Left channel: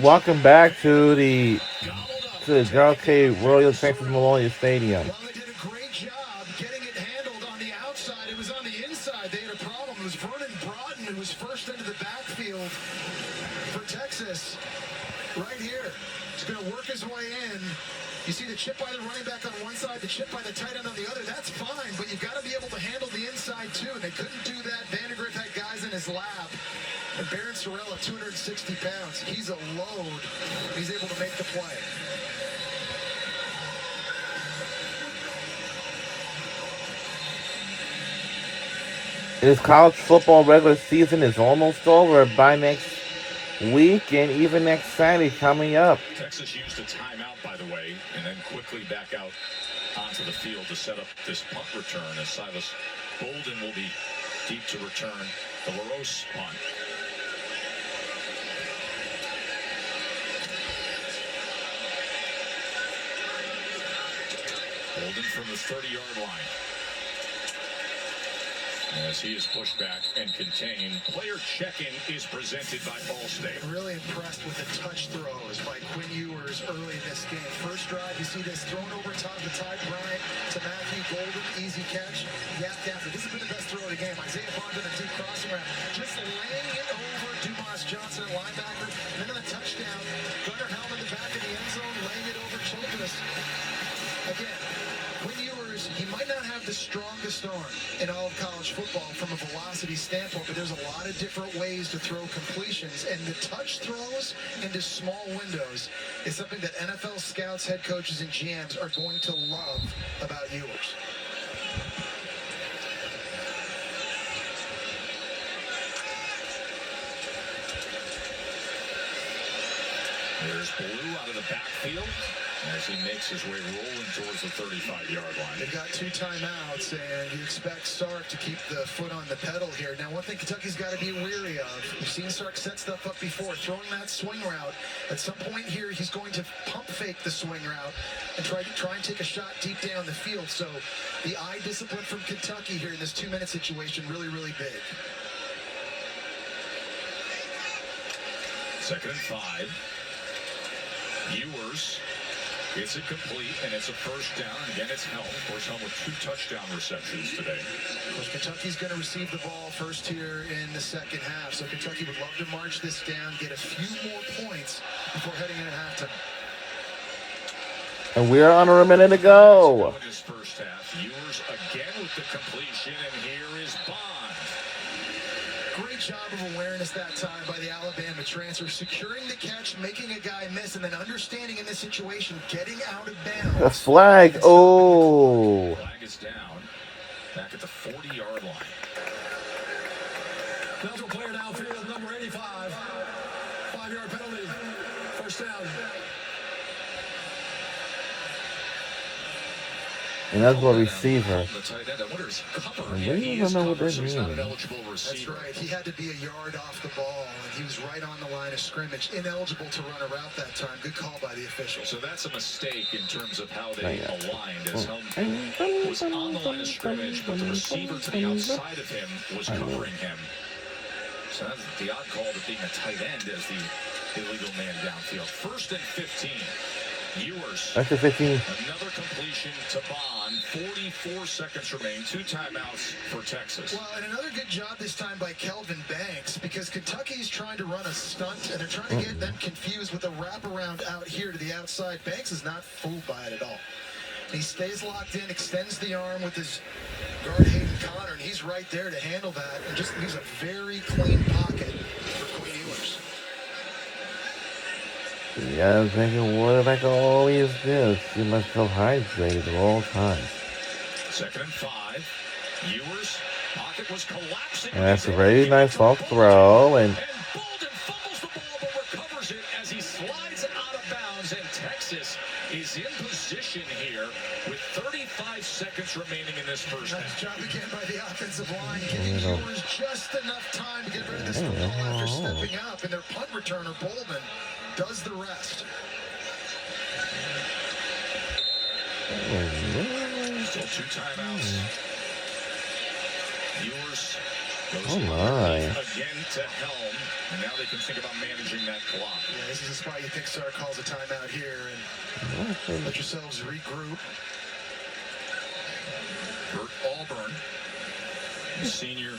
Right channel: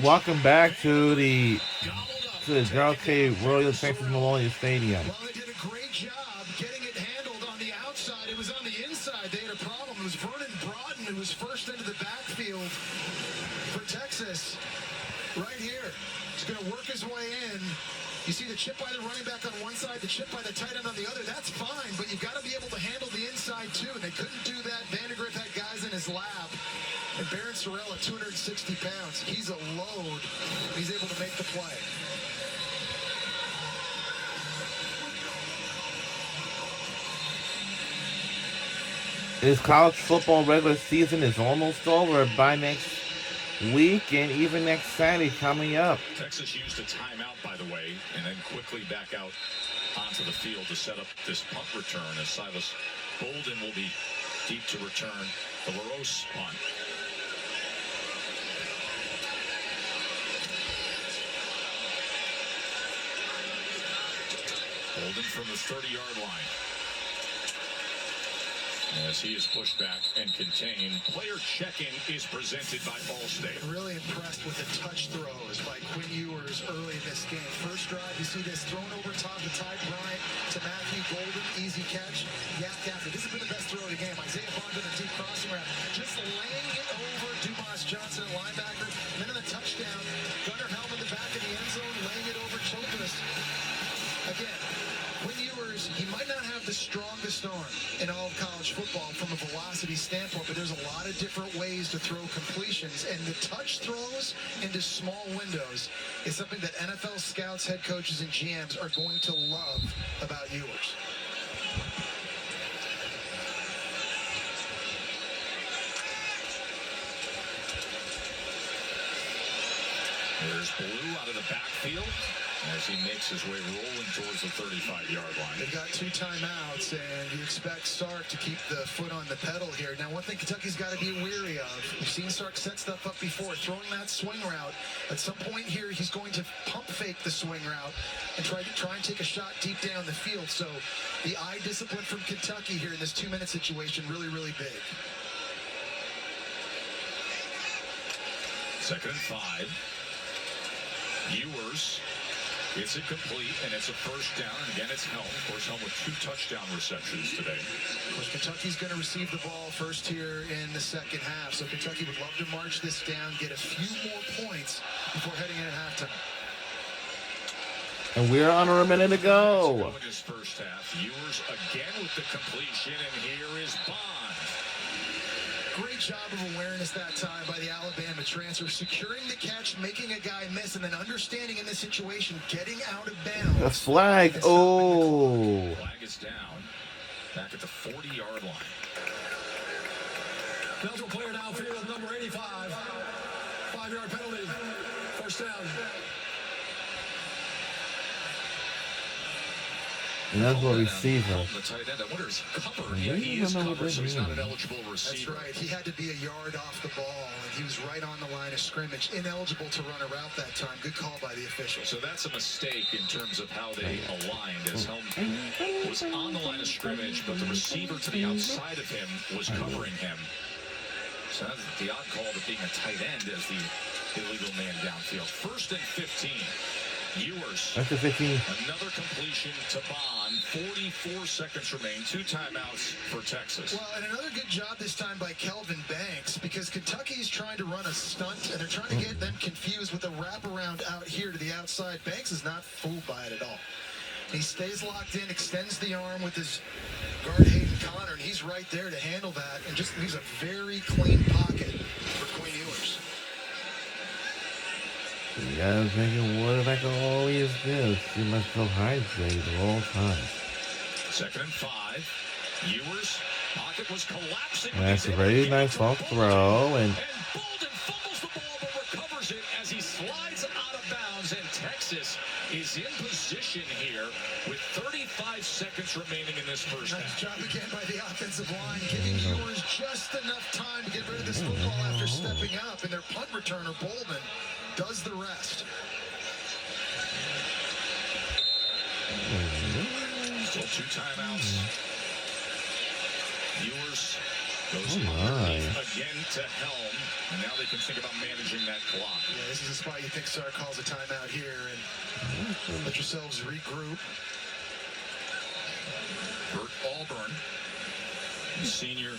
Welcome back to the Gerald K. Royal Texas Memorial Stadium. Well, they did a great job getting it handled on the outside. It was on the inside. They had a problem. It was Vernon Broughton who was first into the backfield for Texas. Right here. He's going to work his way in. You see the chip by the running back on one side, the chip by the tight end on the other. That's fine, but you've got to be able to handle the inside too. And they couldn't do that. Vandegrift had guys in his lap. And Barron Sorrell at 260 pounds. He's a load. He's able to make the play. This college football regular season is almost over by next week and even next Saturday coming up. Texas used a timeout, by the way, and then quickly back out onto the field to set up this punt return as Silas Bolden will be deep to return the LaRose punt. Bolden from the 30-yard line. As he is pushed back and contained. Player check-in is presented by Allstate. Really impressed with the touch throws by Quinn Ewers early in this game. First drive, you see this thrown over top to Ty Bryant to Matthew Golden. Easy catch. Yes, Gaffney. This has been the best throw of the game. Isaiah Bond in a deep crossing route. Just laying it over Dumas Johnson, linebacker. And then in the touchdown, Gunnar Helm in the back of the end zone, laying it over Childress. Again, Quinn Ewers, he might not have the strongest arm in all of college football from a velocity standpoint, but there's a lot of different ways to throw completions, and the touch throws into small windows is something that NFL scouts, head coaches, and GMs are going to love about Ewers. There's Blue out of the backfield as he makes his way rolling towards the 35-yard line. They've got two timeouts, and you expect Sark to keep the foot on the pedal here. Now, one thing Kentucky's got to be wary of, we've seen Sark set stuff up before, throwing that swing route. At some point here, he's going to pump fake the swing route and try and take a shot deep down the field. So the eye discipline from Kentucky here in this 2-minute situation, really, really big. 2nd and 5. Ewers gets it complete, and it's a first down. And again, it's Helm. Of course, Helm with 2 touchdown receptions today. Of course, Kentucky's going to receive the ball first here in the second half. So Kentucky would love to march this down, get a few more points before heading in at halftime. And we're under a minute to go. In his first half, Ewers again with the completion, and here is Bond. Great job of awareness that time by the Alabama transfer, securing the catch, making a guy miss, and then understanding in this situation, getting out of bounds. The flag. Oh. Flag is down. Back at the 40-yard line. Delta player downfield, number 85. 5-yard penalty. First down. And that's what receiver. The tight end, I wonder is covered. Yeah, He is know what covered, that so he's not an means. eligible receiver. That's right. He had to be a yard off the ball, and he was right on the line of scrimmage. Ineligible to run a route that time. Good call by the official. So that's a mistake in terms of how they aligned. As Helm was on the line of scrimmage, but the receiver to the outside of him was covering him. So that's the odd call to being a tight end as the illegal man downfield. 1st and 15. Ewers. That's the 15. Another completion to Bond. 44 seconds remain. 2 timeouts for Texas. Well, and another good job this time by Kelvin Banks, because Kentucky's trying to run a stunt, and they're trying to get them confused with a wraparound out here to the outside. Banks is not fooled by it at all. He stays locked in, extends the arm with his guard Hayden Connor, and he's right there to handle that, and just leaves a very clean pocket for Quinn Ewers. Yeah, I was thinking, what if I could always do? See myself hydrated at all times. 2nd and 5. Ewers. Pocket was collapsing. And that's a very nice off throw. And Bolden fumbles the ball but recovers it as he slides out of bounds. And Texas is in position here with 35 seconds remaining in this first Nice half. job again by the offensive line, giving Ewers just enough time to get rid of this football after stepping up. And their punt returner, Bolden, does the rest. Still 2 timeouts. Ewers Goes Oh, my. again to Helm, and now they can think about managing that clock. Yeah, this is a spot you think Sark calls a timeout here and let yourselves regroup. Bert Auburn, the senior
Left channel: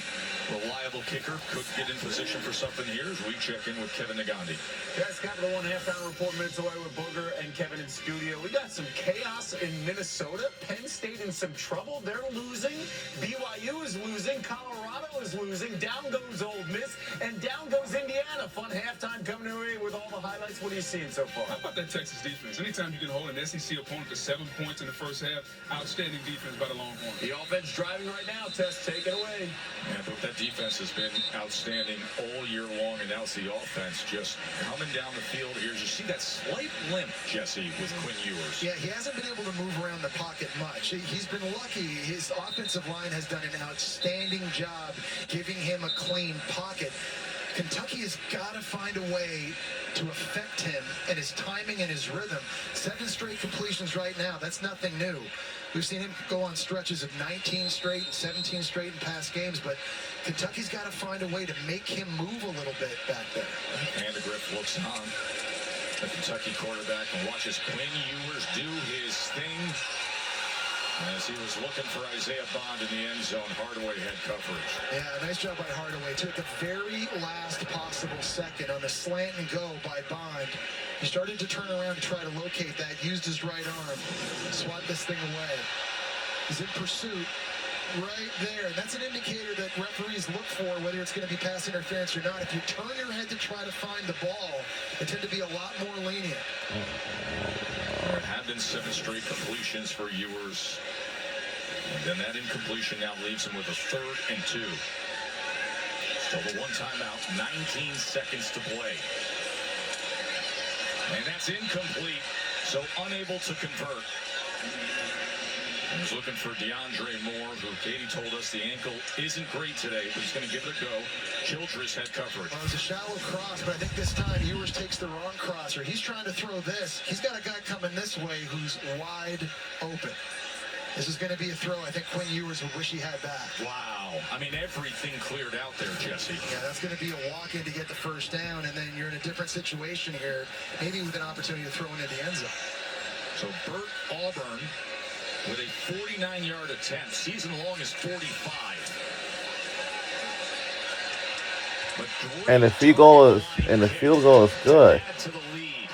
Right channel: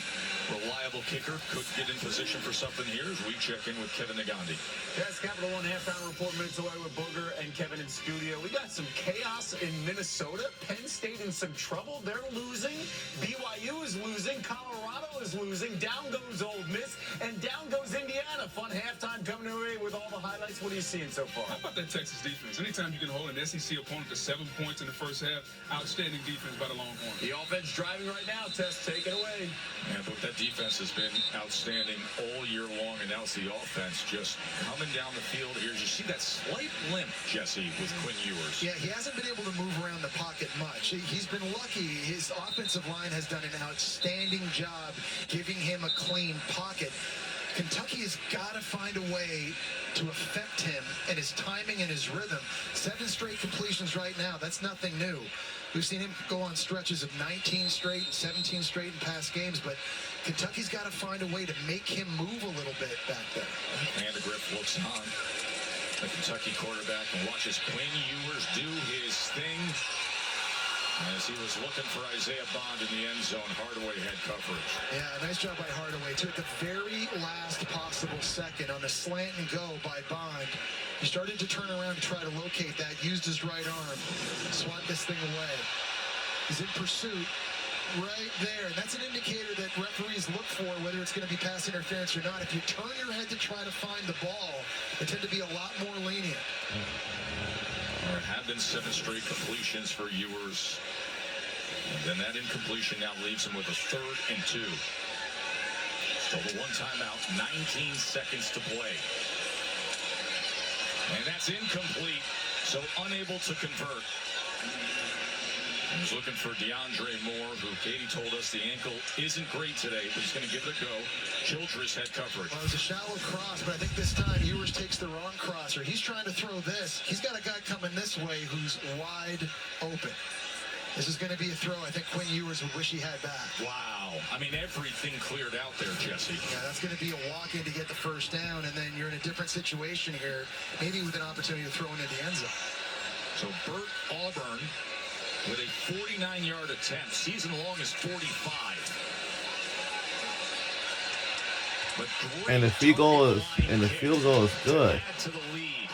reliable kicker, could get in position for something here as we check in with Kevin Nagandi. Yes, Capital One half-hour report minutes away with Booger and Kevin in studio. We got some chaos in Minnesota. Penn State in some trouble. They're losing. BYU is losing. Colorado is losing. Down goes Ole Miss. And down goes Indiana. Fun halftime coming away with all the highlights. What are you seeing so far? How about that Texas defense? Anytime you can hold an SEC opponent to 7 points in the first half, outstanding defense by the Longhorns. The offense driving right now. Tess, take it away. Yeah, but that defense has been outstanding all year long, and now it's the offense just coming down the field here. You see that slight limp, Jesse, with Quinn Ewers. Yeah, he hasn't been able to move around the pocket much. He's been lucky. His offensive line has done an outstanding job giving him a clean pocket. Kentucky has got to find a way to affect him and his timing and his rhythm. 7 straight completions right now. That's nothing new. We've seen him go on stretches of 19 straight, 17 straight in past games, but Kentucky's got to find a way to make him move a little bit back there. Vandegrift looks on the Kentucky quarterback and watches Quinn Ewers do his thing. As he was looking for Isaiah Bond in the end zone, Hardaway had coverage. Yeah, nice job by Hardaway. Took the very last possible second on a slant and go by Bond. He started to turn around to try to locate that, used his right arm, swat this thing away. He's in pursuit right there. And that's an indicator that referees look for, whether it's going to be pass interference or not. If you turn your head to try to find the ball, they tend to be a lot more lenient. There have been 7 straight completions for Ewers. And then that incompletion now leaves him with a 3rd and 2. Still the one timeout, 19 seconds to play. And that's incomplete, so unable to convert. He was looking for DeAndre Moore, who Katie told us the ankle isn't great today, but he's going to give it a go. Childress had coverage. Well, it was a shallow cross, but I think this time Ewers takes the wrong crosser. He's trying to throw this. He's got a guy coming this way who's wide open. This is going to be a throw I think Quinn Ewers would wish he had back. Wow. I mean, everything cleared out there, Jesse. Yeah, that's going to be a walk-in to get the first down, and then you're in a different situation here, maybe with an opportunity to throw into the end zone. So Bert Auburn with a 49-yard attempt. Season long is 45. But And the field goal is good. To the lead.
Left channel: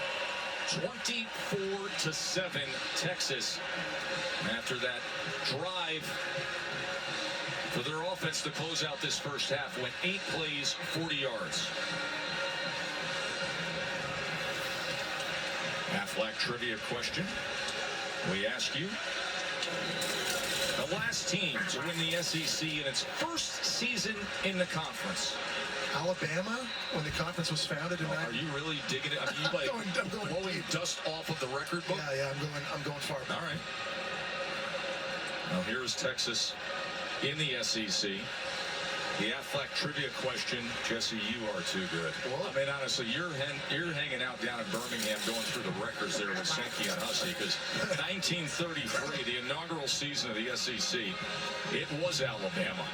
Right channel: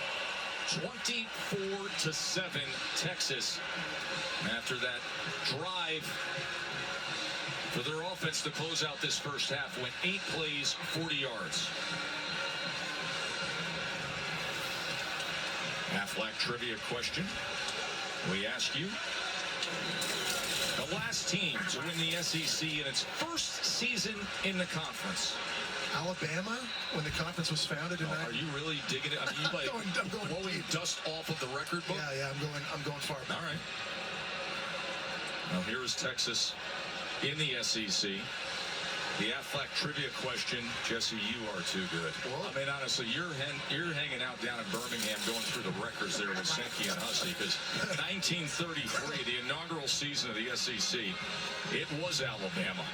24-7 Texas. After that drive for their offense to close out this first half, went 8 plays, 40 yards. Aflac trivia question. We ask you, the last team to win the SEC in its first season in the conference. Alabama, when the conference was founded in Are you really digging it? Are you like I'm going blowing dust off of the record book? Yeah, I'm going far back. All right. Now here is Texas in the SEC. The Aflac trivia question, Jesse, you are too good. Well, I mean, honestly, you're hanging out down in Birmingham going through the records there with Sankey and Hussey, because 1933, the inaugural season of the SEC, it was Alabama.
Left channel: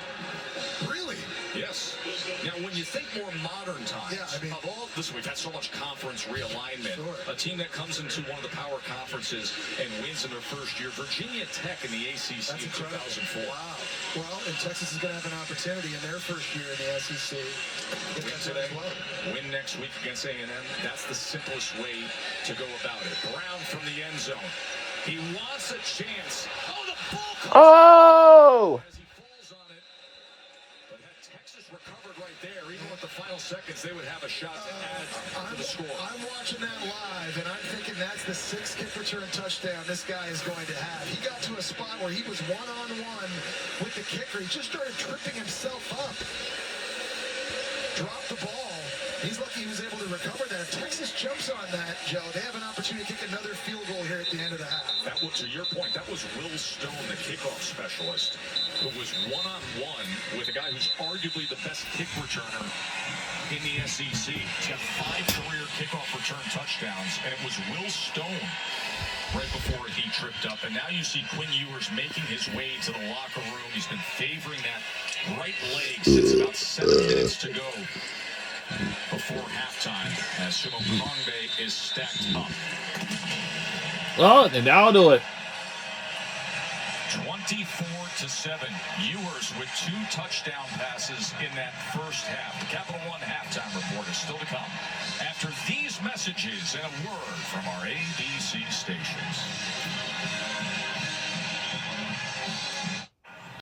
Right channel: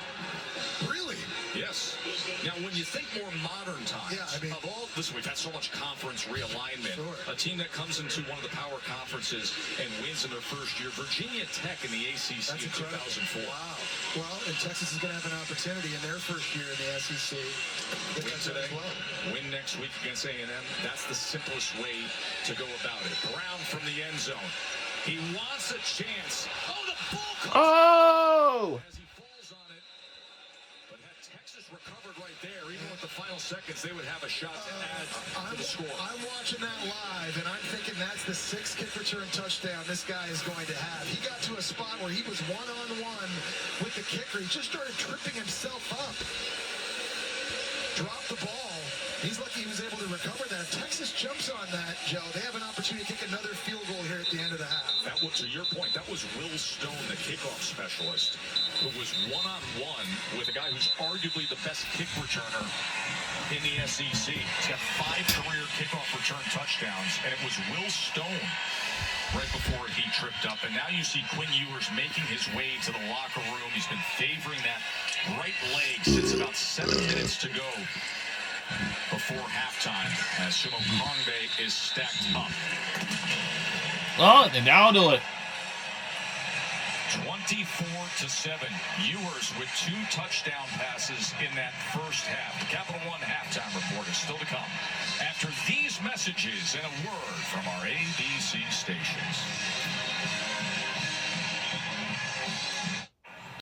Really? Yes. Now, when you think more modern times, Yeah, I mean- of all this, we've had so much conference realignment. Sure. A team that comes into one of the power conferences and wins in their first year, Virginia Tech in the ACC That's in incredible. 2004. Wow. Well, and Texas is going to have an opportunity in their first year in the SEC. Get Win that done today, as well. win next week against A&M. That's the simplest way to go about it. Brown from the end zone. He wants a chance. Oh, the ball comes Oh! as he falls on it. But had Texas recovered right there, even with the final seconds, they would have a shot to add to the score. I'm watching that live, and I'm thinking that's the 6th kick return touchdown this guy is going to have. He got to a spot where he was one-on-one with the kicker. He just started tripping himself up. Dropped the ball. He's lucky he was able to recover that. If Texas jumps on that, Joe, they have an opportunity to kick another field goal here at the end of the half. That was, to your point, that was Will Stone, the kickoff specialist, who was one-on-one with a guy who's arguably the best kick returner in the SEC. He's got 5 career kickoff return touchdowns, and it was Will Stone right before he tripped up. And now you see Quinn Ewers making his way to the locker room. He's been favoring that right leg since about 7 minutes to go before halftime as Shimo Kongbe is stacked up. Oh, and that'll do it. 24-7. Ewers with 2 touchdown passes in that first half. The Capital One halftime report is still to come after these messages and a word from our ABC stations.